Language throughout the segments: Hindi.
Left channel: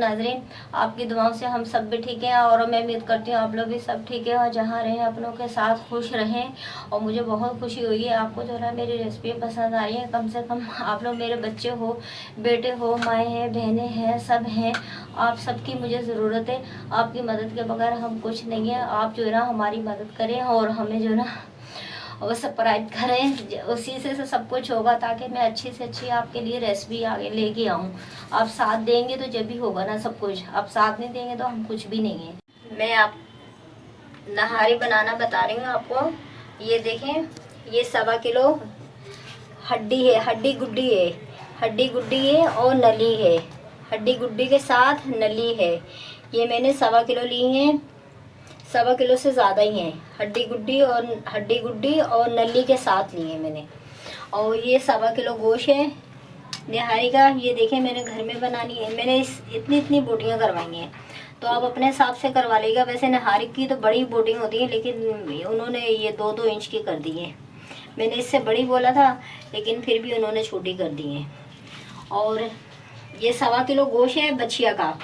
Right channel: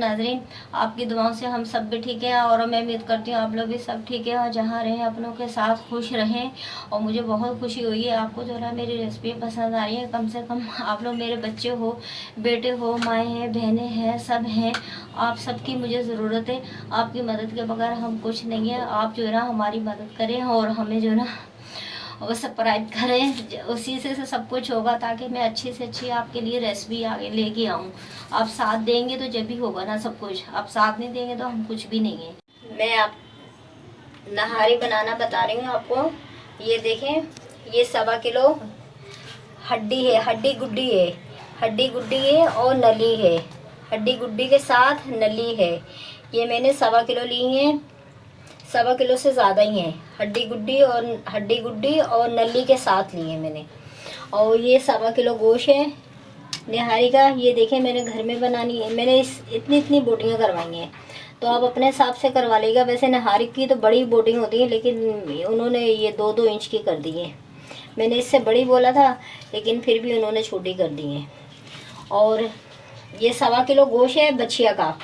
नाजरीन, आपकी दुआओं से हम सब भी ठीक हैं और मैं उम्मीद करती हूँ आप लोग भी सब ठीक है और जहाँ रहें अपनों के साथ खुश रहें। और मुझे बहुत खुशी हुई है आपको जो है मेरी रेसिपी पसंद आ रही है। कम से कम आप लोग मेरे बच्चे हो, बेटे हो, माएँ हैं, बहनें हैं, सब हैं। आप सबकी मुझे ज़रूरत है। आपकी मदद के बगैर हम कुछ नहीं है। आप जो है ना हमारी मदद करें और हमें जो है ना और सब्सक्राइब करें। उसी से सब कुछ होगा ताकि मैं अच्छी से अच्छी आपके लिए रेसिपी आगे लेके आऊँ। आप साथ देंगे तो जब भी होगा ना सब कुछ। आप साथ नहीं देंगे तो हम कुछ भी नहीं है। मैं आप नहारी बनाना बता रही हूँ आपको। ये देखें, ये 1.25 किलो हड्डी है, हड्डी गुड्डी है, हड्डी गुड्डी है और नली है। हड्डी गुड्डी के साथ नली है। ये मैंने 1.25 किलो ली है। 1.25 किलो से ज़्यादा ही है। हड्डी गुड्डी और नली के साथ ली है मैंने। और ये 1.25 किलो गोश्त है निहारी का। ये देखें मैंने घर में बनानी है। मैंने इतनी इतनी बोटियाँ करवाई हैं, तो आप अपने हिसाब से करवा लीजिएगा। वैसे निहारी की तो बड़ी बोटिंग होती है, लेकिन उन्होंने ये 2-2 इंच की कर दी है। मैंने इससे बड़ी बोला था, लेकिन फिर भी उन्होंने छोटी कर दी है। और ये 1.25 किलो गोश्त है बछिया का।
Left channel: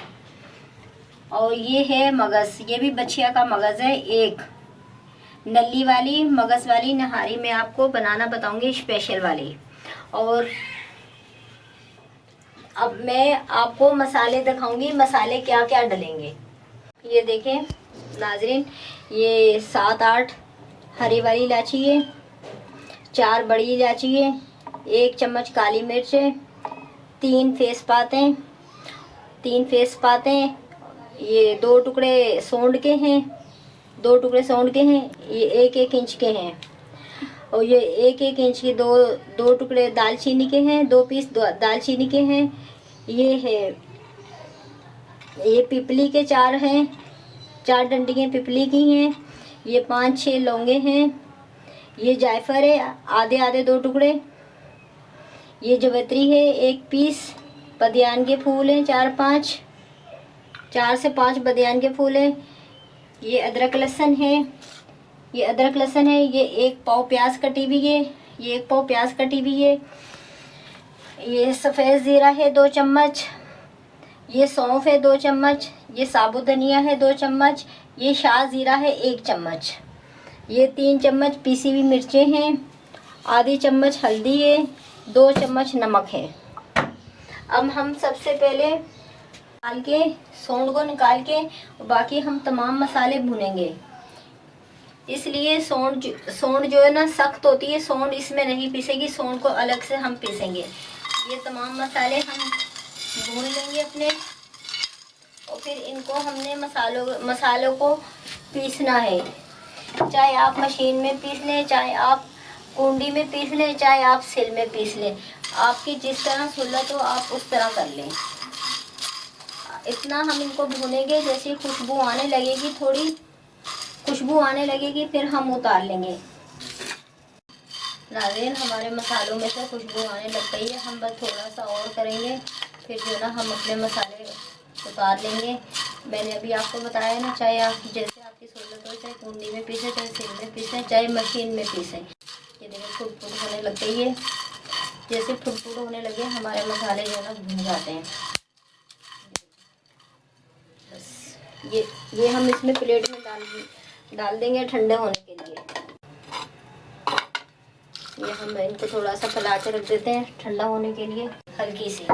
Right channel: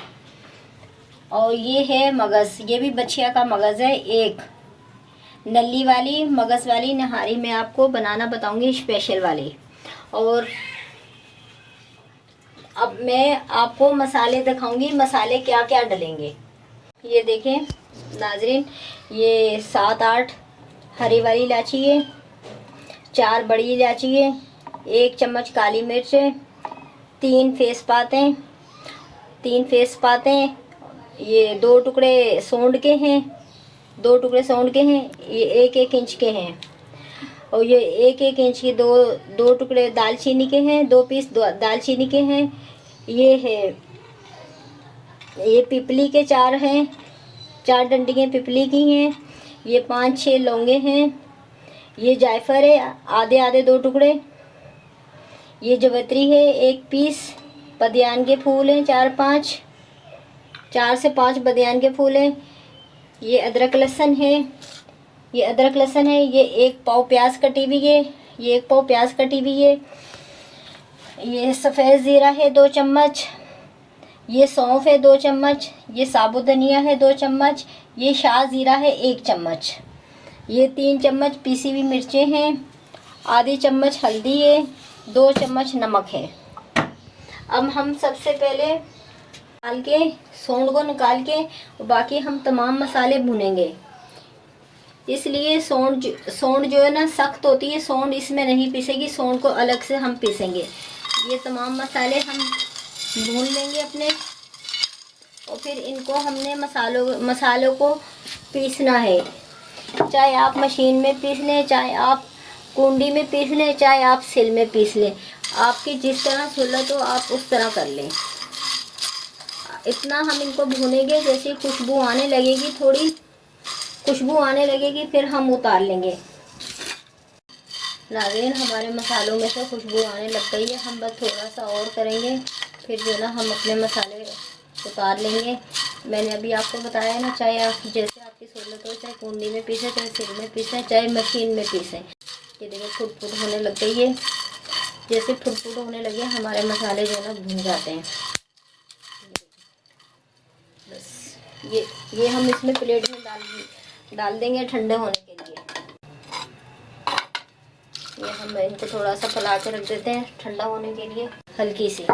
और ये है मगज़, ये भी बछिया का मगज़ है। एक नली वाली मगज़ वाली नहारी मैं आपको बनाना बताऊंगी, स्पेशल वाली। और अब मैं आपको मसाले दिखाऊंगी, मसाले क्या क्या डलेंगे। ये देखें नाजरीन, ये 7-8 हरी वाली इलायची है, 4 बड़ी इलायची है, 1 चम्मच काली मिर्च है, 3 तेज़पात हैं, ये 2 टुकड़े सौंठ के हैं, 2 टुकड़े सौंठ के हैं। ये 1-1 इंच के हैं। और ये 1-1 इंच की दो टुकड़े दालचीनी के हैं, 2 पीस दालचीनी के हैं। ये है, ये पिपली के 4 हैं, 4 डंडियाँ पिपली की हैं। ये 5-6 लौंगे हैं। ये जायफल है, आधे आधे 2 टुकड़े। ये जवित्री है 1 पीस। बदियान के फूल हैं 4 से 5 बदियान के फूल हैं। ये अदरक लहसुन है, ये 1 पाव प्याज कटी हुई है, ये सफ़ेद ज़ीरा है 2 चम्मच, ये सौंफ है 2 चम्मच, ये साबुत धनिया है 2 चम्मच, ये शाह ज़ीरा है 1 चम्मच, ये 3 चम्मच पीसी हुई मिर्चें हैं, आधी चम्मच हल्दी है, 2 चम्मच नमक है। अब हम सबसे पहले सौंठ को निकाल के बाकी हम तमाम मसाले भुनेंगे। इसलिए सौंठ जो है ना सख्त होती है, सौंठ इसमें नहीं पीसेगी, सौंठ को अलग से हम पीसेंगे। ये तमाम मसाले हम भून लेंगे अपने, और फिर इनको हमने मसालों को पीसना है। चाहे आप मशीन में पीस लें, चाहे आप कुंडी में पीस लें, चाहे आप सिल में पीस लें। आपकी जिस तरह सहूलत हो आप उस तरह कर लें। इतना हम इनको भूनेंगे, जैसे खुशबू आने लगेगी, थोड़ी खुशबू आने लगेगी, फिर हम उतार लेंगे। नाज़रीन, हमारे मसालों में से खुशबू आने लग गई है। हम बस थोड़ा सा और करेंगे, फिर जो ना हम अपने मसाले उतार लेंगे। मैंने अभी आपको बताया ना, चाहे आप जैसे आपकी सहूलत हो, चाहे कुंडी में पीसें, चाहे सिल में पीसें, चाहे मशीन में पीसें। ये देखो फुट होने लग गई है। जैसे फुट होने लगे हमारे मसाले जो है भून जाते हैं। बस ये हम इसमें प्लेट में डाल देंगे ठंडे होने के लिए। ये हम इनको थोड़ा सा फैला के रख देते हैं ठंडा होने के लिए, हल्की सी।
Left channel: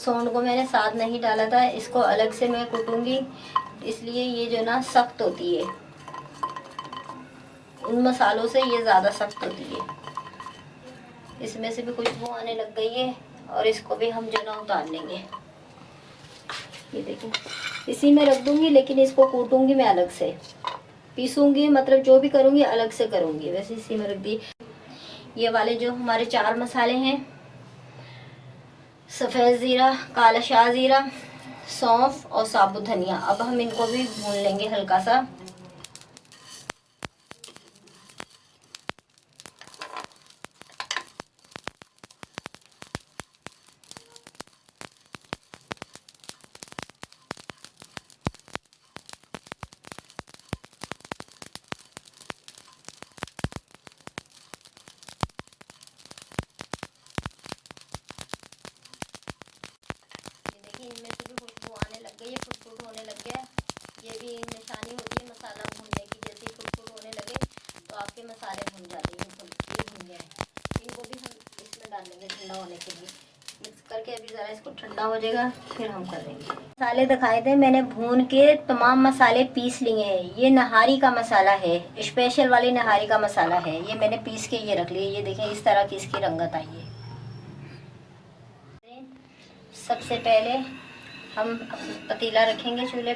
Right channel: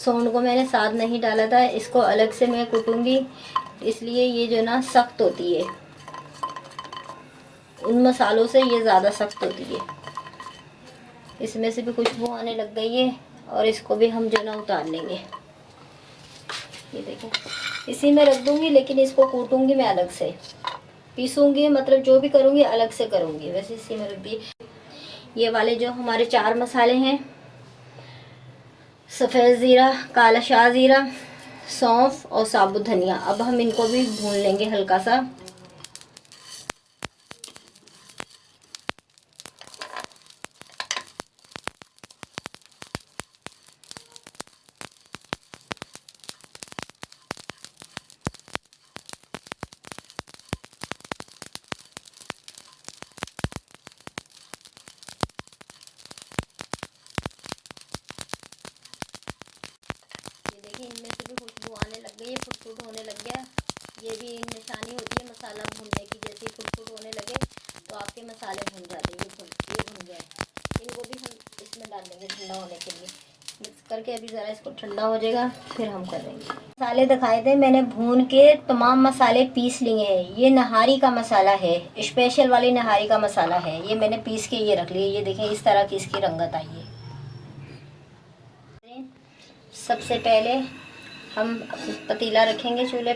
सौंठ को मैंने साथ नहीं डाला था, इसको अलग से मैं कूटूंगी, इसलिए ये जो ना सख्त होती है, उन मसालों से ये ज़्यादा सख्त होती है। इसमें से भी खुशबू आने लग गई है, और इसको भी हम जो ना उतार लेंगे। ये देखें, इसी में रख दूंगी, लेकिन इसको कूटूंगी मैं अलग से, पीसूंगी, मतलब जो भी करूंगी अलग से करूंगी। वैसे इसी में रख दिए। ये वाले जो हमारे 4 मसाले हैं, सफ़ेद ज़ीरा, काला शाह ज़ीरा, सौंफ और साबुत धनिया, अब हम इनको भी भून लेंगे हल्का सा। ये भी निशानी होती है मसाला भूनने की, जैसे ही फुट होने लगे तो आपके मसाले भून जाते हैं। ये भून गए, इनको भी हम इसमें डाल देंगे ठंडा होने के लिए। मिक्स करके अभी ज़रा इसको ठंडा हो जाएगा फिर हम करेंगे। मसाले दिखाए थे मैंने, भून के तमाम मसाले पीस लिए हैं। ये नहारी का मसाला है, स्पेशल वाली नहारी का मसाला है। ये मैंने पीस के ये रख लिए। ये देखें इस तरह की इसकी रंगत आई है। सबसे पहले हम पतीला रखेंगे चूल्हे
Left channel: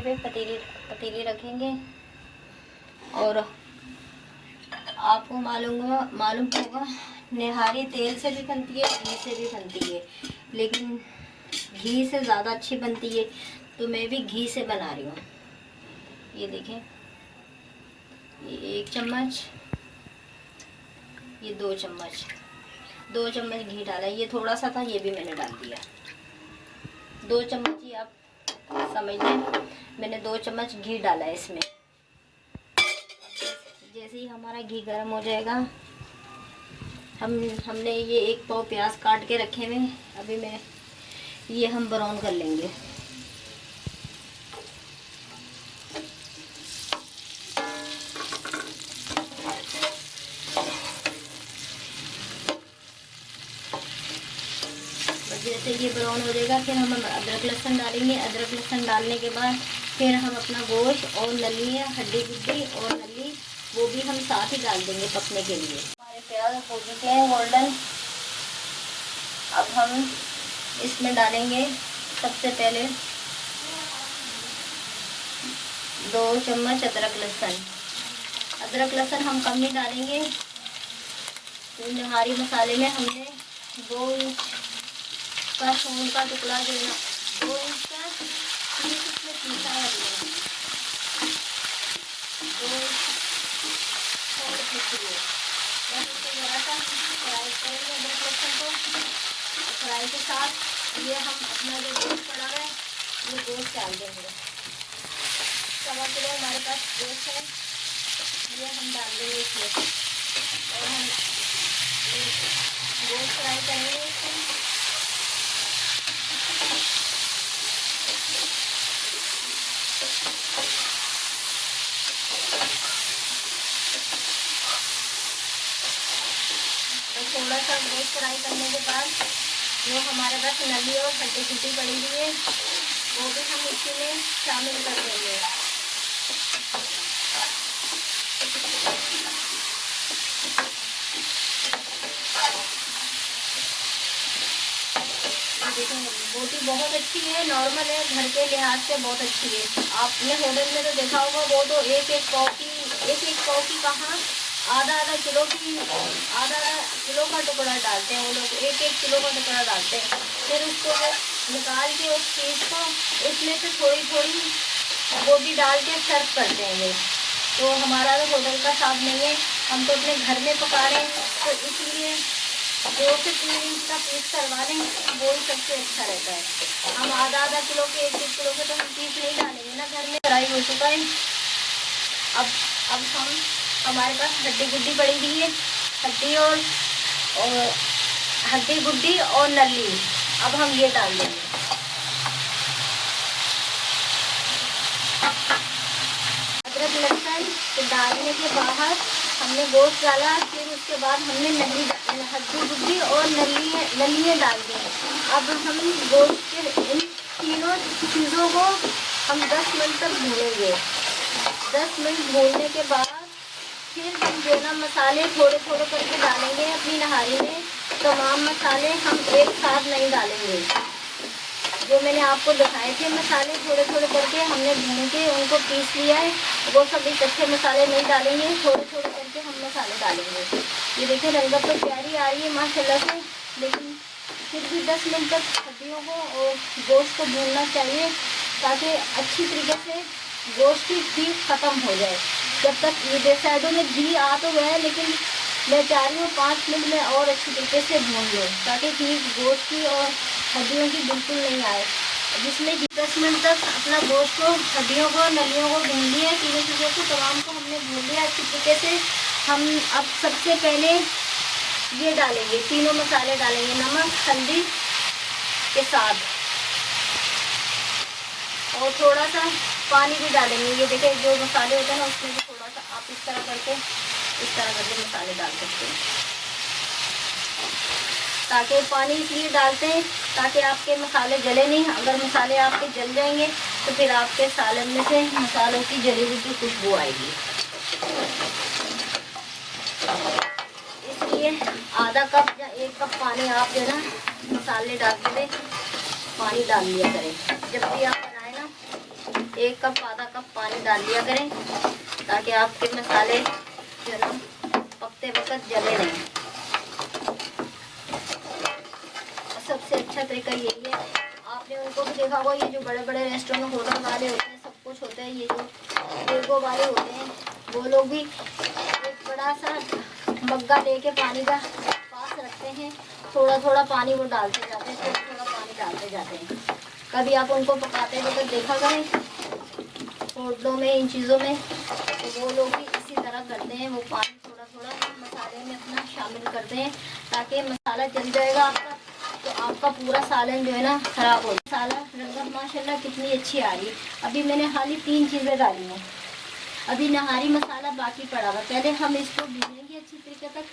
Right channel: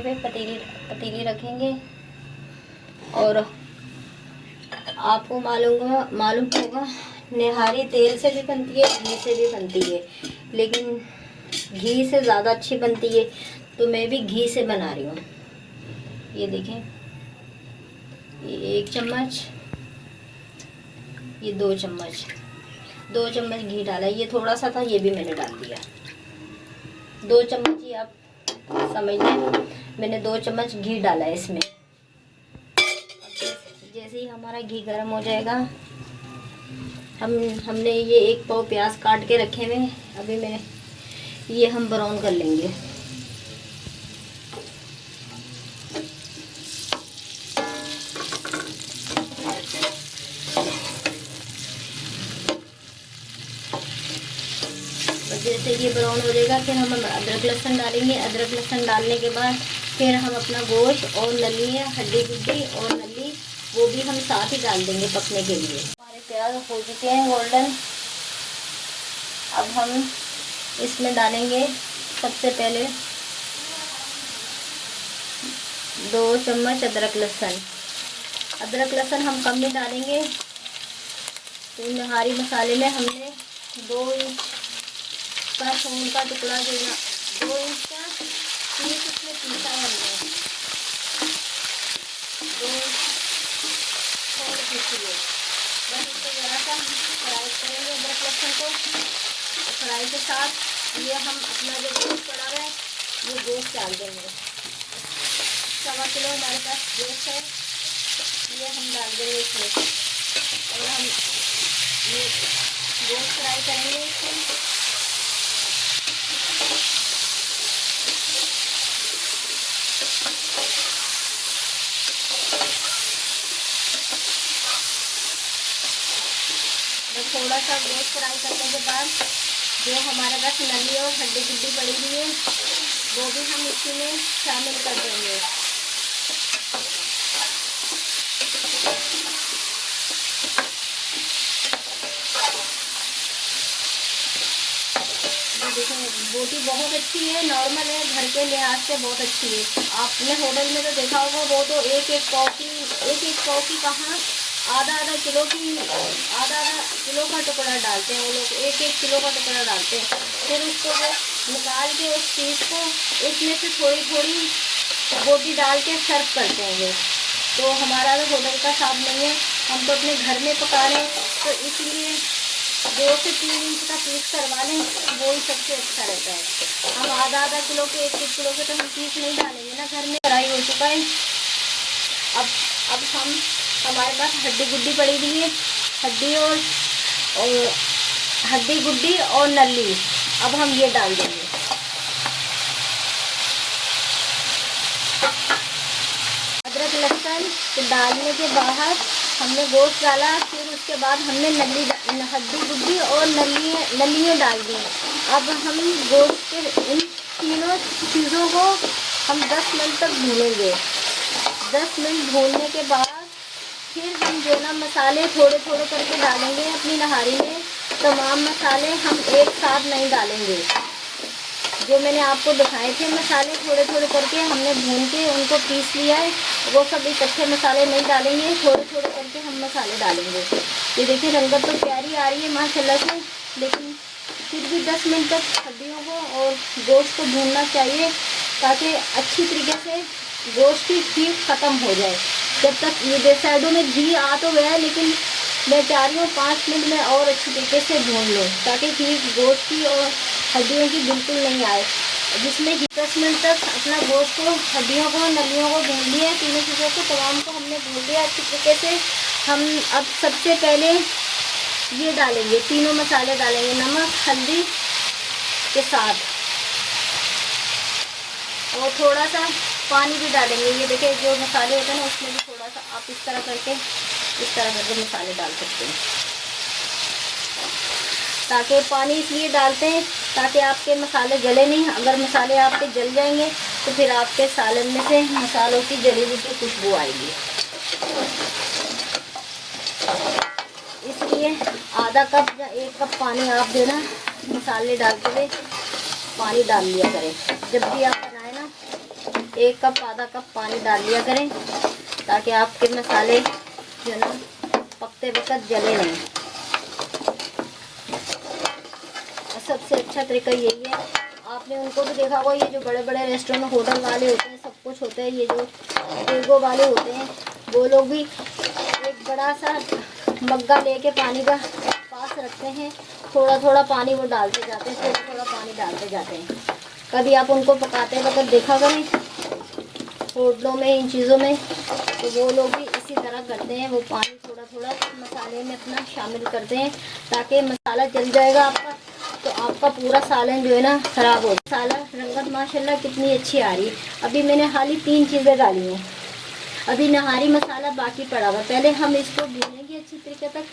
पे पतीली रखेंगे। और आपको मालूम होगा निहारी तेल से भी बनती है, घी से भी बनती है, लेकिन घी से ज़्यादा अच्छी बनती है, तो मैं भी घी से बना रही हूँ। ये देखें, ये 1 चम्मच, ये 2 चम्मच, 2 चम्मच घी डाला। ये थोड़ा सा था, ये भी मैंने डाल दिया। 2 चम्मच ही आप समझ लें, मैंने 2 चम्मच घी डाला है इसमें। जैसे ही हमारा घी गर्म हो जाएगा, हमने ये 1 पाव प्याज काट के रखे हुए, अभी ये हम ब्राउन कर लेंगे। जैसे ये ब्राउन हो जाएगा फिर हम अदरक लहसुन डालेंगे। अदरक लहसुन डालने के बाद फिर हम अपना गोश्त और नलियाँ, हड्डी गुड्डी और नली, वो भी हम साथ ही डाल देंगे पकने के लिए। हमारे प्याज हो चुके हैं गोल्डन। अब हम इसमें डालेंगे सबसे पहले 2 चम्मच अदरक लहसुन। अदरक लहसुन हम कम नहीं डालेंगे, तो नहारी मसाले में हमने 2 इंच का सोन का टुकड़ा देना, 2 इंच का पीस इसमें पीसा है हमने, 2 इंच सोन पीस लिए। बस इसको ज़रा सा फ्राई करेंगे अदरक लहसुन को। फ्राई के साथ ये हम अपना जो गोश्त पड़ा है वो गोश्त डाल देंगे। 1.25 किलो हमारे पास गोश्त है, ये हम डाल देंगे इसमें और हम ये गोश्त फ्राई करेंगे इसमें। थोड़ा सा गोश्त फ्राई करने के बाद जो हमारे पास नली और हड्डी गुड्डी पड़ी हुई है वो भी हम इसी में शामिल कर देंगे। बोटी बहुत अच्छी है, नॉर्मल है, घर के लिहाज से बहुत अच्छी है। आपने होटल में तो देखा होगा, वो तो एक एक पाव की कहाँ आधा किलो का टुकड़ा डालते हैं वो लोग, 1 किलो का टुकड़ा डालते हैं। फिर उसको निकाल के उस चीज़ को उसमें से थोड़ी बोटी डाल के सर्व करते हैं वो। तो हमारा तो होटल का साथ नहीं है, हम तो अपने घर में पका रहे हैं, तो इसलिए 2 से 3 इंच का पीस करवा लें, वो ही सबसे अच्छा रहता है। हम आधा किलो के 1 किलो के तो हम पीस नहीं डालेंगे ना, घर में फ्राई हो चुका है। अब हमारे पास हड्डी गुड्डी पड़ी हुई है, हड्डी गुड्डी और नली, अब हम ये डाल देंगे। अदरक लहसुन के डालने के बाद हमने गोश्त डाला, फिर उसके बाद हमने हड्डी गुड्डी और नलियाँ डाल दी। अब हम गोश्त के इन तीनों चीज़ों को हम 10 मिनट तक भूनेंगे। 10 मिनट भूनने के बाद फिर हम जो ना मसाले थोड़े करके डालेंगे अपनी नहारी में। तमाम मसाले हम एक साथ नहीं डालेंगे, जो मैंने आपको दिखाए थे मसाले थोड़े करके हमने भून के उनको पीस लिया है, वो सब इकट्ठे मसाले नहीं डालेंगे, थोड़े करके हम मसाले डालेंगे। ये देखिए रंगत तो प्यारी आ रही है माशाल्लाह से, लेकिन फिर भी 10 मिनट तक हड्डियों को और गोश्त को भूनना चाहिए ताकि अच्छी तरीके से गोश्त की हीट ख़त्म हो जाए। जब तक ये साइडों में घी आ तो गया, लेकिन मैं चाह रही हूँ 5 मिनट में और अच्छी तरीके से भून लूँ ताकि हीट गोश्त की और हड्डियों की बिल्कुल नहीं आए। जिसमें 10 मिनट तक अपना गोश्त को, हड्डियों को, नलियों को भून लिया, तीनों चीज़ों को तमाम को हमने भून लिया अच्छी तरीके से। हम अब सबसे पहले ये डालेंगे, तीनों मसाले डालेंगे नमक हल्दी के साथ, और थोड़ा सा पानी भी डालेंगे। ये देखिए जो मसाले होते हैं ना उसमें भी थोड़ा सा आप इस तरह करके मसाले डाल सकते हैं। ताकि पानी इसलिए डालते हैं ताकि आपके मसाले जले नहीं। अगर मसाले आपके जल जाएंगे तो फिर आपके सालन में से मसालों की जली हुई की खुशबू आएगी। इसलिए आधा कप या 1 कप पानी आप जो ना मसाले डालते हुए पानी डाल लिया करें। जब भी आप बनाए ना 1 कप आधा कप पानी डाल लिया करें ताकि आपके मसाले जो ना पकते वक्त जले नहीं। सबसे अच्छा तरीका यही है। आपने उनको भी देखा होगा, ये जो बड़े बड़े रेस्टोरेंट होटल वाले होते हैं, सब कुछ होते हैं, ये जो डेगो वाले होते हैं वो लोग भी एक बड़ा सा मग्गा लेके पानी का पास रखते हैं। थोड़ा थोड़ा पानी वो डालते जाते हैं, थोड़ा थोड़ा पानी डालते जाते हैं। कभी आप उनको पकाते वक्त देखा करें होटलों में, इन चीज़ों में, तो वो लोग भी इसी तरह करते हैं। वो पानी थोड़ा थोड़ा मसाले में अपना शामिल करते हैं ताकि मसाला जल जाएगा आपका तो आपका पूरा सालन जो है ना ख़राब हो। सालन रंगत माशाल्लाह कितनी अच्छी आ रही है। अभी मैंने हाली 3 चीज़ें डाली हैं। अभी नहारी मसाला बाकी पड़ा हुआ। पहले हम इसको भूनेंगे अच्छी तरीके तक,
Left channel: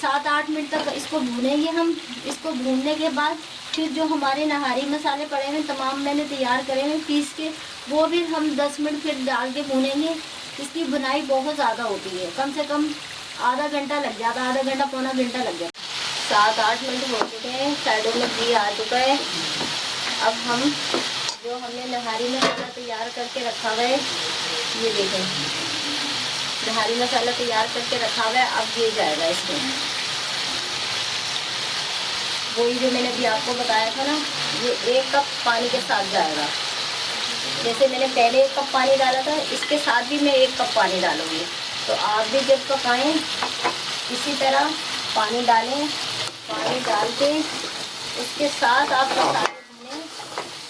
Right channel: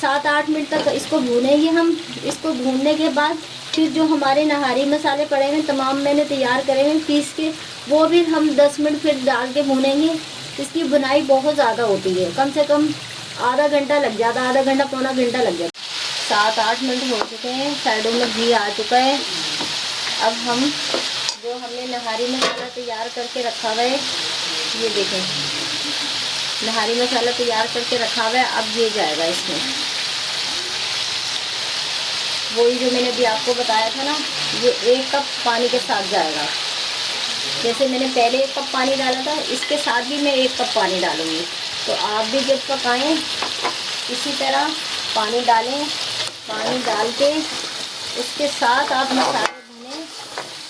7-8 मिनट तक इसको भूनेंगे हम। इसको भूनने के बाद फिर जो हमारे नहारी मसाले पड़े हैं तमाम मैंने तैयार करे हैं पीस के, वो भी हम 10 मिनट फिर डाल के भूनेंगे। इसकी बुनाई बहुत ज़्यादा होती है, कम से कम आधा घंटा लग जाता, आधा घंटा पौना घंटा लग जाता। 7-8 मिनट हो चुके हैं, साइडों में घी आ चुका है। अब हम जो हमने नहारी मसाला तैयार करके रखा हुआ है, ये देखें नहारी मसाला तैयार करके रखा हुआ है, अब ये जाएगा इसमें। वही जो मैंने भी आपको बताया था ना, ये 1 कप पानी के साथ जाएगा। जैसे मैंने पहले 1 कप पानी डाला था, इसके साथ भी मैं 1 कप पानी डालूँगी। तो आप भी जब पकाएं इसी तरह पानी डालें। पानी डाल के उसके साथ आप मसाले भुनें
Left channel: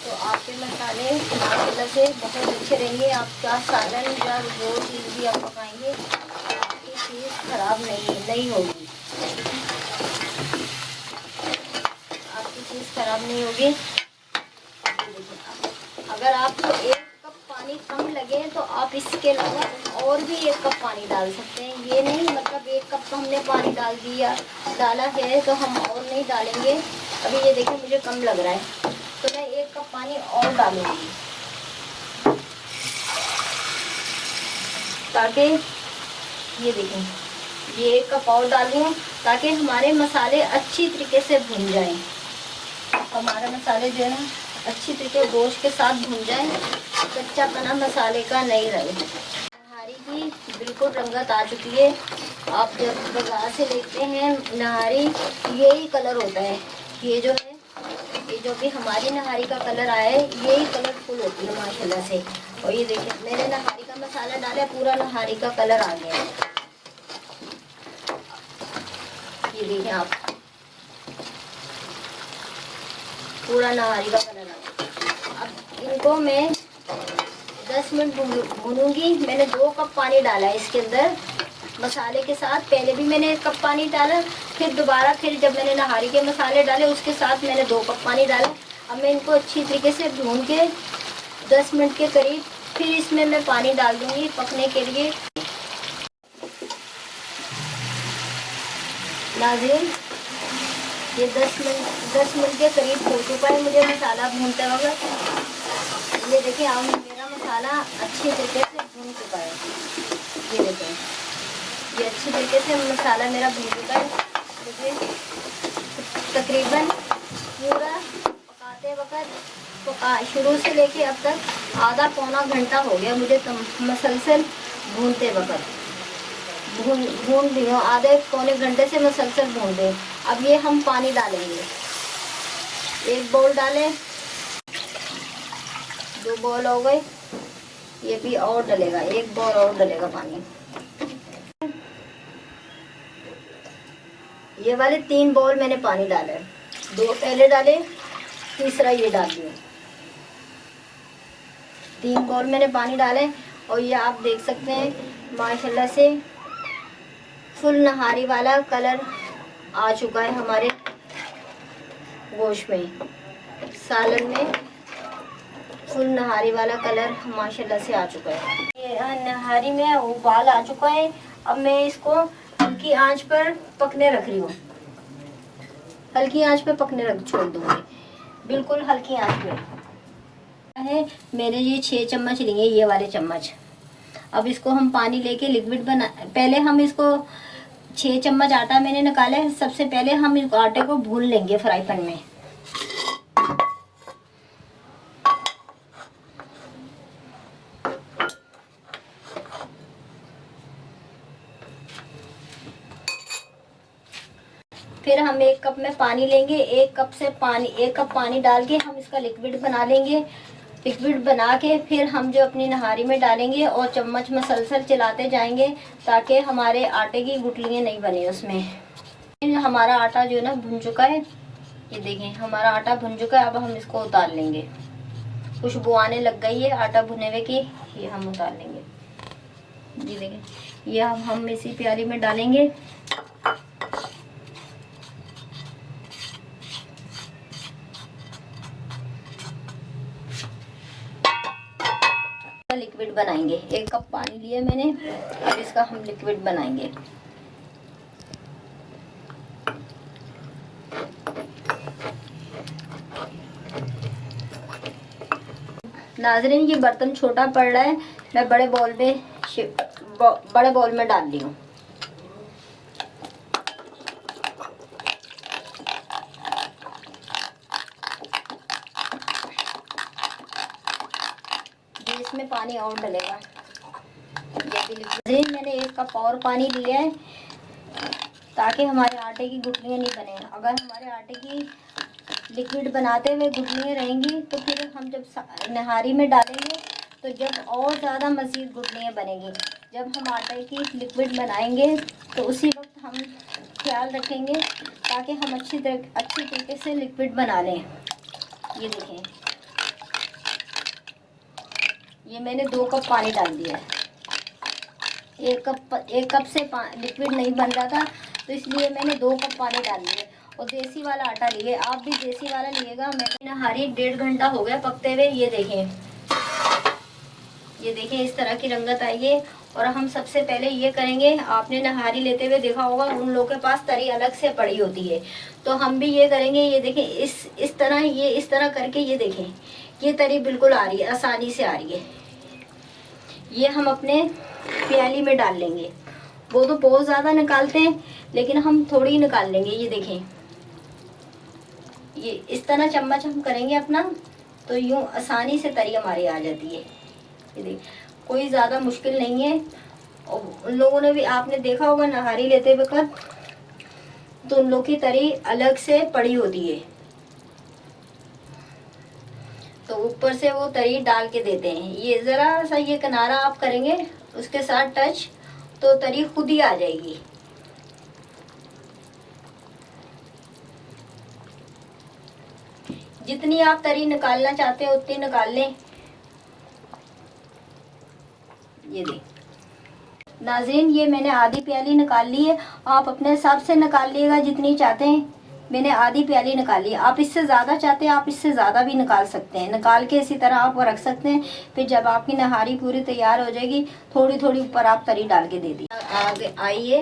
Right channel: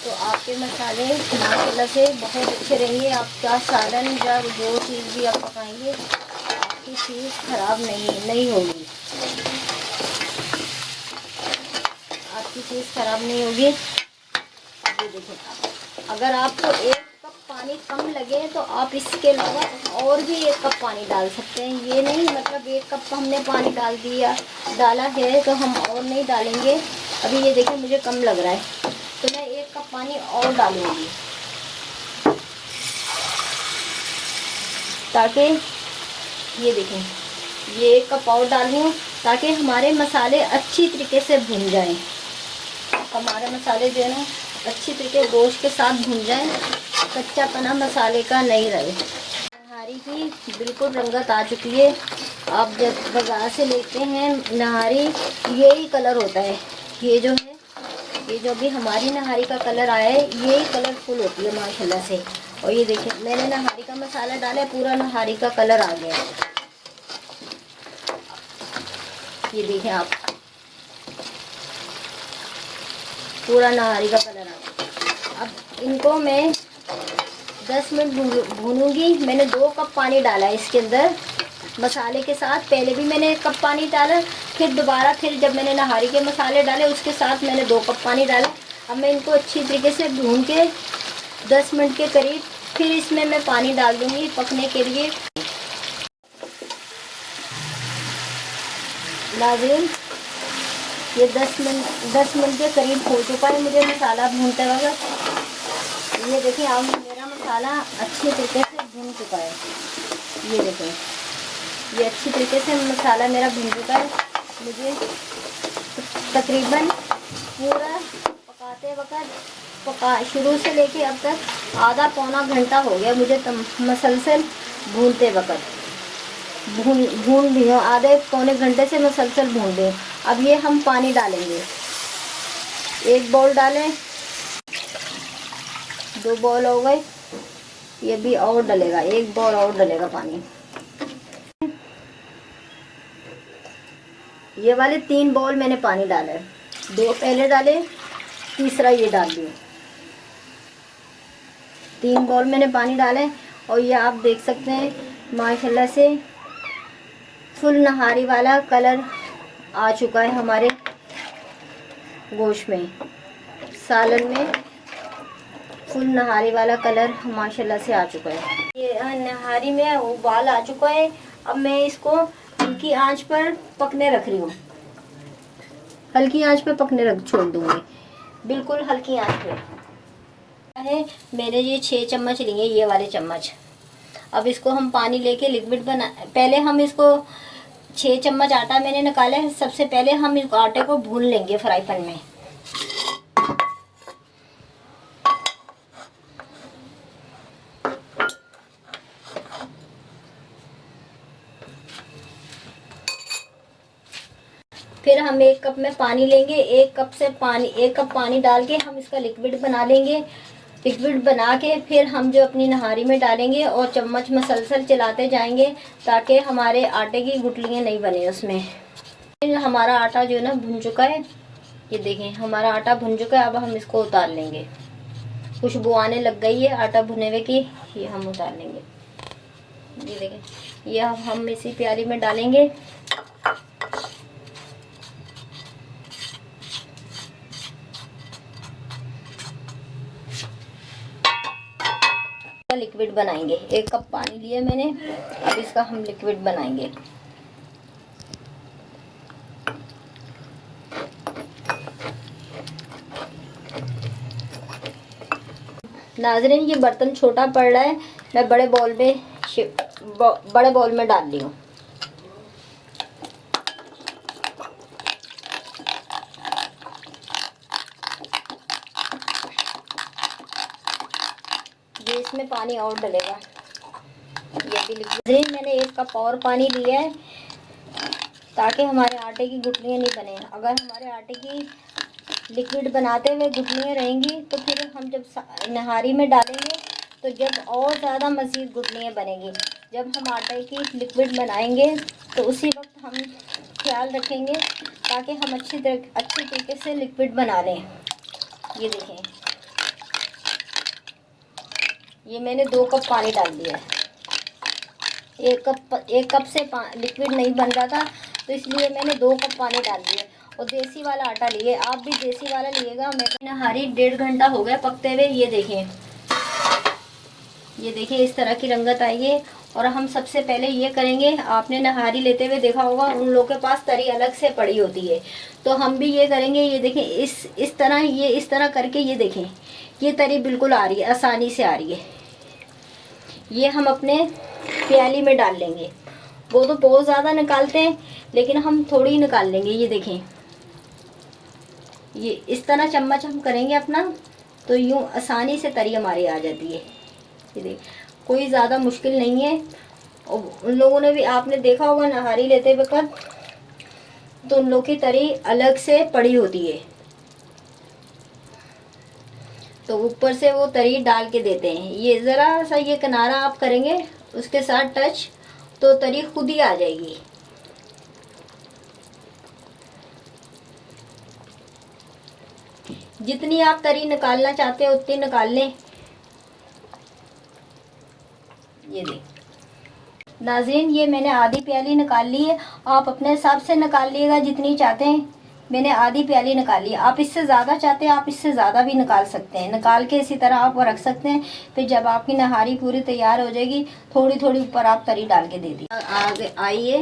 तो आपके मसाले माशाल्लाह से बहुत अच्छे रहेंगे। आपका सालन या जो चीज़ भी आप पकाएंगे आपकी चीज़ ख़राब नहीं होगी, आपकी चीज़ ख़राब नहीं होगी। देखिए अगर आपको 1 कप पानी कम लगे तो आप इसके अलावा और भी 1 कप पानी डाल सकते हैं। ये नहीं मतलब 1 कप हमने पानी डाला है तो हम और नहीं डालेंगे। अभी ये देखिए मुझे कम लग रहा है तो मैं 1 कप पानी और डालूंगी ताकि ये देखें ये 1 कप और डाल दूँ ताकि हमारे मसाले अच्छी तरीके से भुन जाएं। हमारे मसाले जो है अच्छी तरीके गोश्त के साथ भुन जाएं, कच्चा पना मसाले का नहीं रहे। नहारी की बिल्कुल रंगत आ चुकी है। आप जब बाजार से लेते हैं नहारी, यही कलर होता है। ये जो है ये जो भी हमारी नहारी का कलर आया है यही कलरफुल होती है माशाल्लाह से। और ये देखिए मैंने नहारी का मसाला डाला, पूरा नहारी का कलर आ गया। ये देखिए आप पूरा नहारी का कलर आ गया। अब इनको मैं 10 मिनट भूनूंगी। मैंने 2 कप पानी डाला है इसके अंदर मसाले के साथ। पहले भी मैंने 1 कप पानी डाला, फिर दोबारा फिर जब मैंने नहारी के मसाले डाले उसके साथ मैंने 2 कप पानी डाला। अब मैं इनको अच्छी तरीके से भून के 10 मिनट के करीब फिर इसमें मैं पानी डाल दूंगी पकने के लिए। नाज़रीन ये 10 मिनट के करीब हो चुका है मुझे मसाला भूनते वक्त। ये देखिए अब मेरा मसाला अच्छे तरीके से भून चुका है। ये देखिए ये अच्छी तरीके से मसाला मेरा भून चुका है। मुझे तकरीबन पूरा पकाते वक्त शुरू से लेके अब तक आधा पौना घंटा हो गया मुझे मसलसल भूनते वक्त। भून भी आधे पौने घंटे से मसलसल भून दें। अब ये हम पानी डालेंगे। 1 बाउल डालें, 2 बाउल हो गए, ये भी और डलेगा, 1 बाउल और डलेगा पानी। ये वाले 3 बाउल मैंने पानी डाले, 2 पहले डाले, तीसरा ये डाल दिया। 3 बाउल मैंने पानी डाले और ये आप देख सकते हैं माशाल्लाह से फुल नहारी वाला कलर आ चुका है हमारे गोश्त में, सालन में फुल नहारी वाला कलर माशाल्लाह से आ चुका है। ये नहारी में उबाल आ चुका है। अब मैं इसको हल्की आंच पर पकने रख रही हूँ। हल्की आंच पे पकने रख छोड़ दूंगी, बिल्कुल हल्की आंच पे है। मेरे ये 6 चम्मच लिए, ये वाले चम्मच। अब इसको हम पानी लेके लिक्विड बना, पहले हम इसको 6 चम्मच आटा मैंने निकाला है। सबसे पहले हम इस आटे को भून लेंगे फ्राई पैन में। फिर हम 1 कप में पानी लेंगे। 1 कप पानी डाल के हम इसका लिक्विड बना लेंगे। लिक्विड बना के फिर हम जो अपनी नहारी में डालेंगे और चम्मच मसलसल चलाते जाएंगे ताकि हमारे आटे की गुठलियाँ नहीं बने उसमें। फिर हमारा आटा जो है ना भुन चुका है। ये देखें हमारा आटा भुन चुका है। अब हम इसको उतार लेंगे। खुशबू आने लग गई है आटा भुने हुए की। ये हम उतार लेंगे। ये देखें, ये हम इसी प्याली में डालेंगे। लिक्विड बनाएंगे। 1 कप पानी लिया मैंने, अब इसका हम लिक्विड बनाएंगे। नाज़रीन ये बर्तन छोटा पड़ रहा है, मैं बड़े बॉल में डाल दी हूँ। ये इसमें पानी और डलेगा। ये मैंने 1 कप और पानी लिया है ताकि हमारे आटे की गुठलियाँ नहीं बने। अगर हमारे आटे की लिक्विड बनाते हुए गुठलियाँ रहेंगी तो फिर हम जब नहारी में डालेंगे तो जब और ज़्यादा मज़ीद गुठलियाँ बनेंगी। जब हम आटे की लिक्विड बनाएंगे तो उसी वक्त हम ख्याल रखेंगे ताकि हम अच्छी तरीके से लिक्विड बना लें। ये देखें, ये मैंने 2 कप पानी डाल दिया। 1 कप से लिक्विड नहीं बन रहा था तो इसलिए मैंने 2 कप पानी डाल दिए। और देसी वाला आटा लिए, आप भी देसी वाला लिएगा। मैंने नहारी 1.5 घंटा हो गया पकते हुए। ये देखें इस तरह की रंगत आई है। और हम सबसे पहले ये करेंगे, आपने नहारी लेते हुए देखा होगा उन लोगों के पास तरी अलग से पड़ी होती है, तो हम भी ये करेंगे। ये देखें इस तरह, ये इस तरह करके ये देखें ये तरी बिल्कुल आ रही है, आसानी से आ रही है। ये हम अपने प्याली में डाल लेंगे। वो तो बहुत ज़्यादा निकालते हैं लेकिन हम थोड़ी निकाल लेंगे। ये देखें, ये इस तरह चम्मच हम करेंगे अपना तो यूँ आसानी से तरी हमारी आ जाती है। ये देख, कोई ज़्यादा मुश्किल नहीं है। और उन लोगों ने भी, आपने देखा होगा नहारी लेते वक्त तो उन लोगों की तरी अलग से पड़ी होती है, तो ऊपर से वो तरी डाल के देते हैं। ये ज़रा सा ये किनारा आप करेंगे उसके साथ टच तो तरी खुद ही आ जाएगी। जितनी आप तरी निकालना चाहते हैं उतनी निकाल लें। ये देख नाज़रीन, ये मैंने आधी प्याली निकाल ली है। आप अपने हिसाब से निकाल लिएगा जितनी चाहते हैं। मैंने आधी प्याली निकाली। आप इससे ज़्यादा चाहते हैं आप इससे ज़्यादा भी निकाल सकते हैं। निकाल के इसी तरह आप रख सकते हैं। फिर जब आपकी नहारी पूरी तैयार हो जाएगी थोड़ी थोड़ी ऊपर आप तरी डाल के दे दी। आगे आइए,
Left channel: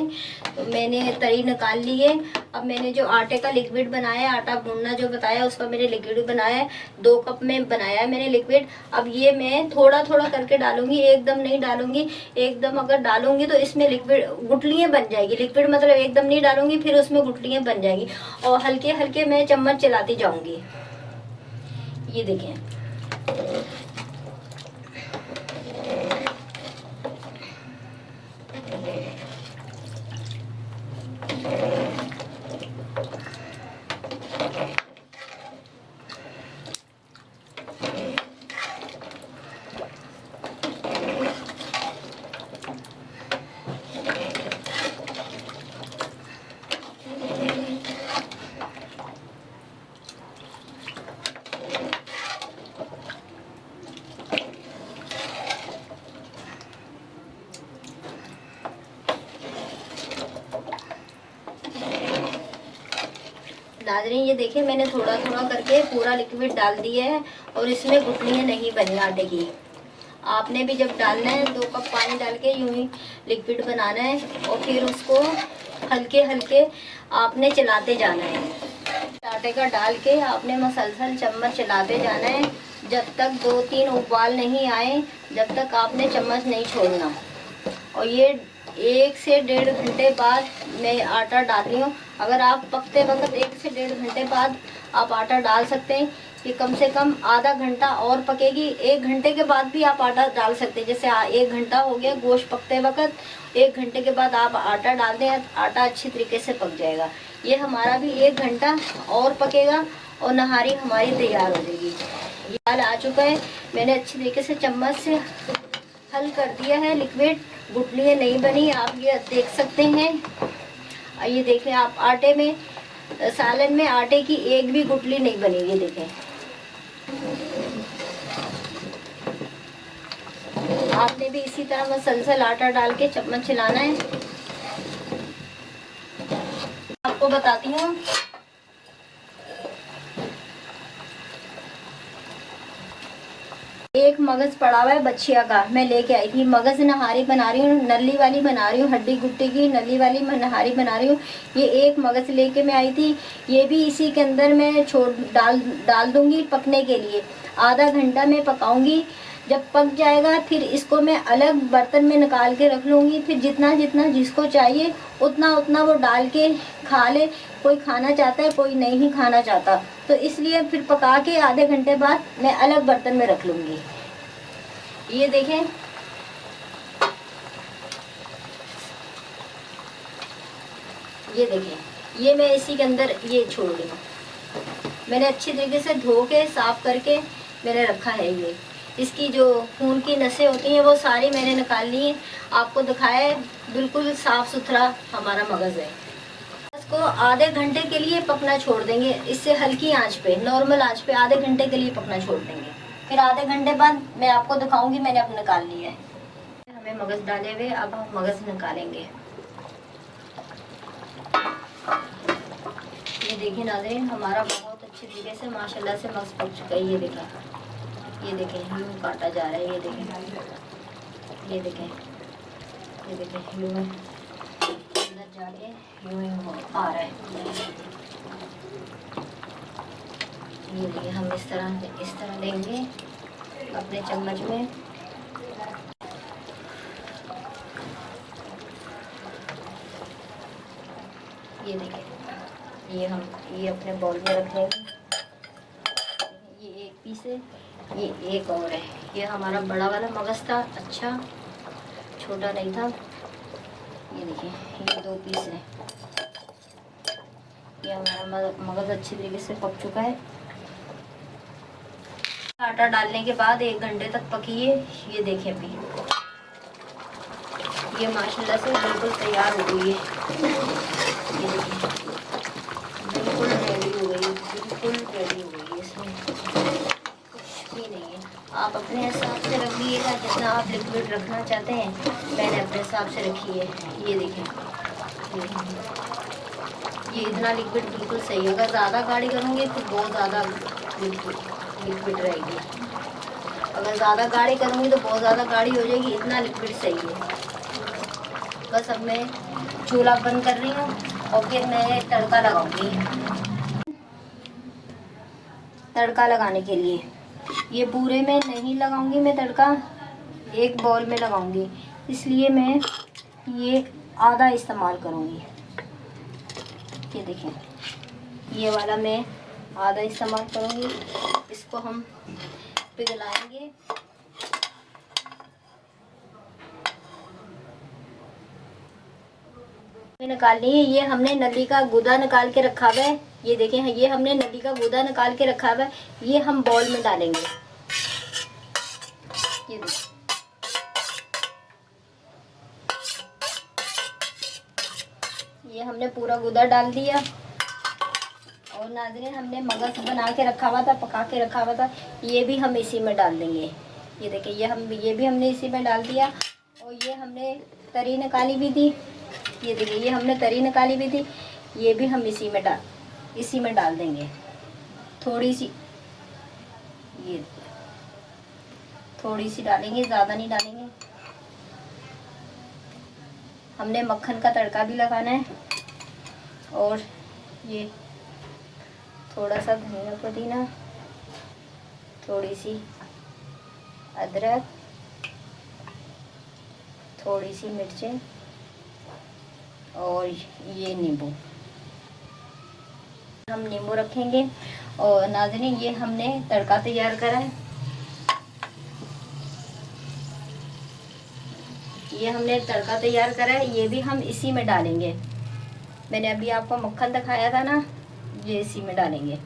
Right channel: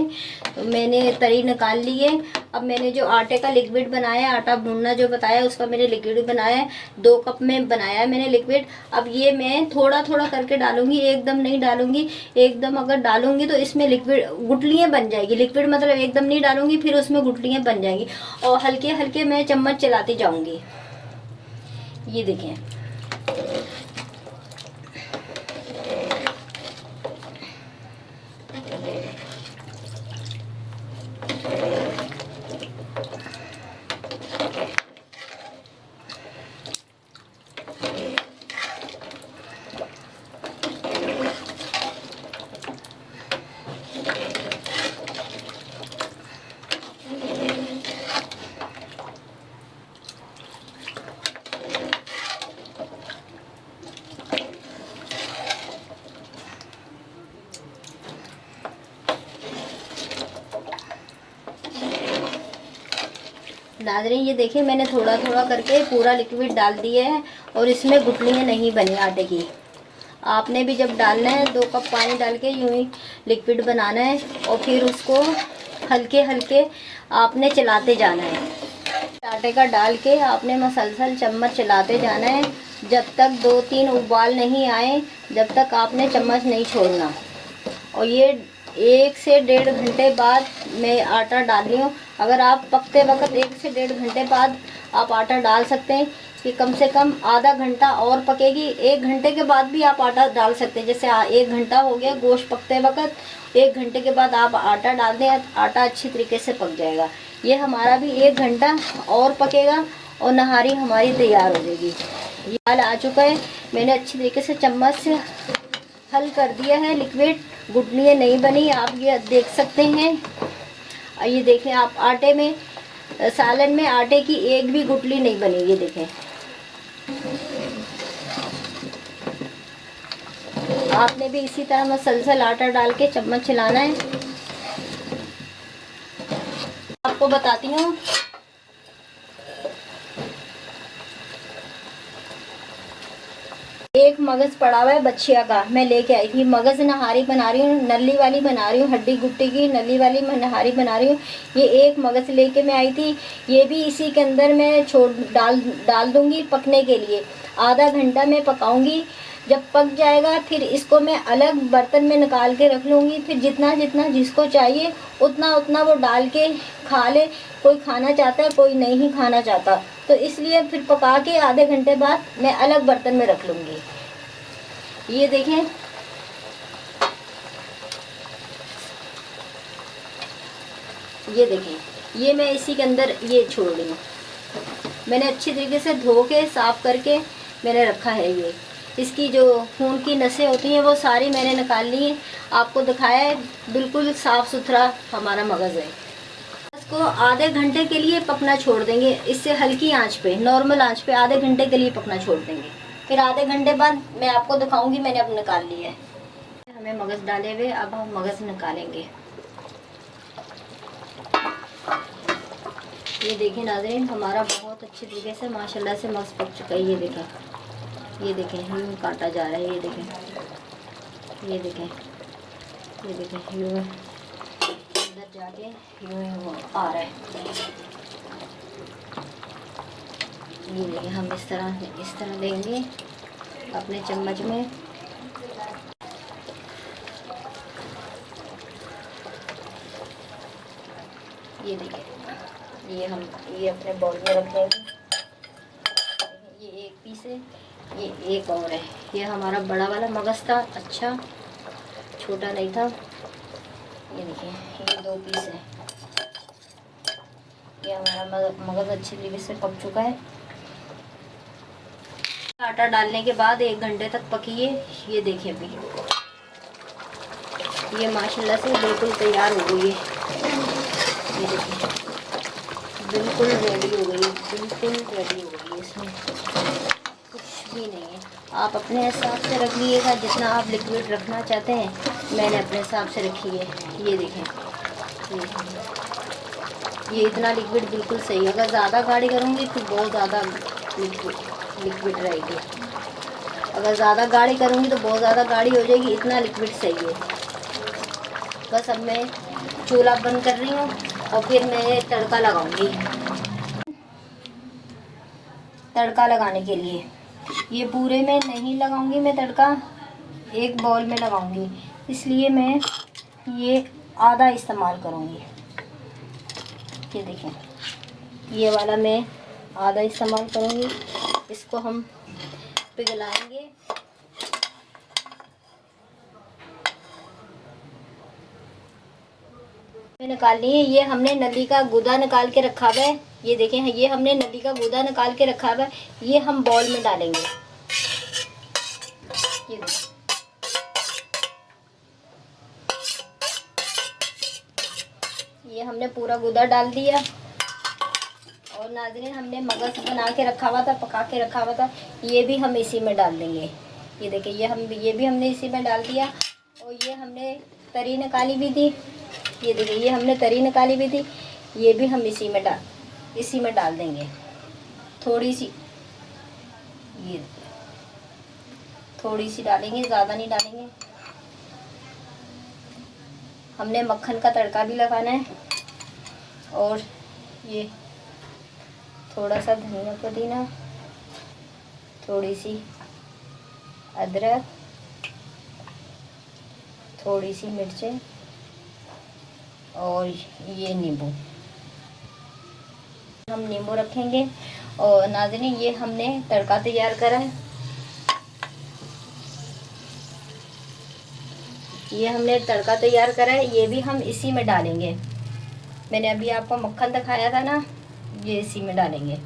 तो मैंने तरी निकाल ली है। अब मैंने जो आटे का लिक्विड बनाया है, आटा भूनना जो बताया उसका मैंने लिक्विड बनाया है। 2 कप में बनाया है मैंने लिक्विड। अब ये मैं थोड़ा थोड़ा करके डालूंगी, एकदम नहीं डालूंगी। एकदम अगर डालूंगी तो इसमें लिक्विड गुठलियाँ बन जाएगी। लिक्विड मतलब एकदम नहीं डालूंगी, फिर उसमें गुठलियाँ बन जाएगी। और हल्के हल्के मैं चम्मच चलाती जाऊंगी। ये देखें, नाज़रीन ये देखिए मैंने थोड़ा थोड़ा करके पूरा लिक्विड डाल दिया है और इसमें गुठलियाँ नहीं बनी आटे की। आपने भी जब डालना है 2 कप पानी डाल के यूँ ही लिक्विड बनाना है और फिर उसको हल्के हल्के आपने चलाते जाना है। आटे का डाल के आपने मसलसल चम्मच चलाते जाना है जब तक 2-3 उबाल नहीं आए, जब तक आपने चम्मच नहीं छोड़ना। और ये 1 से 1.5 घंटे बाद मैं आटा डाल रही हूँ। अगर आप पकते वक्त 1 से 1.5 घंटे बाद आप आटा डाल सकते हैं कि कम से कम आधा घंटा और पकेगी। 1 घंटे के बाद भी आप आटा डाल सकते हैं। जैसे 1 घंटा हो गया गोश्त पकते वक्त, 1 घंटे के बाद आप आटा डाल दें, आटा अच्छी तरीके से पक जाएगा। ये हमारा भी 1 घंटा और पकेगा और नहारी हमारी तैयार हो जाएगी। ये दाल आ चुका है, मैंने अच्छी तरीके से चम्मच से हल कर दिया है लिक्विड, गुठलियाँ नहीं बनी, आप ये देख सकते हैं। ये देखें आप आटे में, सालन में आटे की एक भी गुठली नहीं बनी। ये देखें, आपने भी इसी तरह मसलसल आटा डाल के चम्मच चलाना है। आपको बताती हूँ, एक मगज पड़ा हुआ है बछिया का, मैं लेके आई थी। मगज नहारी बना रही हूँ, नली वाली बना रही हूँ, हड्डी गुट्टी की नली वाली मैं नहारी बना रही हूँ। ये एक मगज लेके मैं आई थी, ये भी इसी के अंदर मैं डाल दूंगी पकने के लिए। आधा घंटा मैं पकाऊंगी, जब पक जाएगा फिर इसको मैं अलग बर्तन में निकाल के रख लूँगी। फिर जितना जितना जिसको चाहिए उतना उतना वो डाल के खा ले। कोई खाना चाहता है, कोई नहीं खाना चाहता, तो इसलिए फिर पका के आधे घंटे बाद मैं अलग बर्तन में रख लूँगी। ये देखें, ये देखें, ये मैं इसी के अंदर ये छोड़ रही हूँ। मैंने अच्छी तरीके से धो के साफ करके मैंने रखा है। ये इसकी जो खून की नसें होती हैं वो सारी मैंने निकाल ली है। आपको दिखाया है, बिल्कुल साफ़ सुथरा हमारा मगज़ है। इसको आधे घंटे के लिए पकना छोड़ देंगे, इससे हल्की आंच पे, नॉर्मल आंच पे आधे घंटे के लिए पकना छोड़ देंगे। फिर आधे घंटे बाद मैं आपको दिखाऊंगी मैंने अब निकाल ली है। हमें मगज़ डाले हुए, अब हम मगज़ निकालेंगे। ये देखिए नाज़रीन, हमारा बहुत अच्छी तरीके से माशाल्लाह से मगज़ पक चुका है। ये देखें, ये देखें, यूँ काटा जा रहा है। ये देखें, ये देखें, ये देखें, यूँ अंदर जाके यूँ आ रहा है। ये देखिए, हम इस तरह लेंगे अपने चम्मच में। ये देखिए, ये अपने बाउल में रखेंगे। ये एक पीस है, ये एक और है। ये हमारा बड़ा वाला मगज़ था, अच्छा छोटा नहीं था। ये देखिए, ये 2 पीस है। ये हमारा मगज़ अच्छी तरीके से पक चुका है। आटा डालने के बाद 1 घंटे तक पकिए। ये देखिए, अभी ये माशाल्लाह से बिल्कुल तैयार हो गई है। ये देखिए, बिल्कुल रेडी हो गई, बिल्कुल रेडी हो गई। इसमें कुछ भी नहीं है। आप अपने हिसाब से रख लीजिएगा, जितना आप लिक्विड रखना चाहते हैं। मैंने अपने हिसाब से रखी है। ये देखें, ये इतना लिक्विड बिल्कुल सही है। अगर ज़्यादा गाढ़ी करूँगी तो बहुत ज़्यादा लिक्विड रहेगी। अगर ज़्यादा गाढ़ी करूँगी तो बहुत ज़्यादा गाढ़ी हो जाएगी। इतना लिक्विड सही है। बस अब मैं चूल्हा बंद कर रही हूँ और फिर मैं तड़का लगाऊंगी। तड़का लगाने के लिए ये पूरे में नहीं लगाऊंगी मैं तड़का, एक बाउल में लगाऊंगी, इसलिए मैं ये आधा इस्तेमाल करूँगी। ये देखें, ये वाला मैं आधा इस्तेमाल करूँगी। इसको हम पिघलाएंगे। निकाल ली है। ये हमने नली का गूदा निकाल के रखा हुआ है। ये देखें, ये हमने नली का गूदा निकाल के रखा हुआ है। ये हम बाउल में डालेंगे। ये देखें, ये हमने पूरा गूदा डाल दिया। और नाज़रीन, हमने मगज़ बना के रखा हुआ था, पका के रखा हुआ था, ये भी हम इसी में डाल देंगे। ये देखिए, ये भी हमने इसी में डाल दिया। और ये हमने तरी निकाली भी थी। ये देखिए, ये हमने तरी निकाली भी थी, ये भी हम इसी में इसी में डाल देंगे। थोड़ी सी, ये थोड़ी सी डालेंगे, ज़्यादा नहीं डालेंगे। हमने मक्खन का तड़का भी लगाना है। और ये थोड़ा सा धनिया पुदीना, थोड़ी सी अदरक, थोड़ी सी मिर्चें और ये नींबू, हम नींबू रखेंगे। और नाज़रीन, ये हमने तड़का तैयार करा है, ये हमने तड़का तैयार करा है, ये भी हम इसी में डालेंगे। मैंने अभी आपको मक्खन दिखाया था ना, ये इसी में डालेंगे।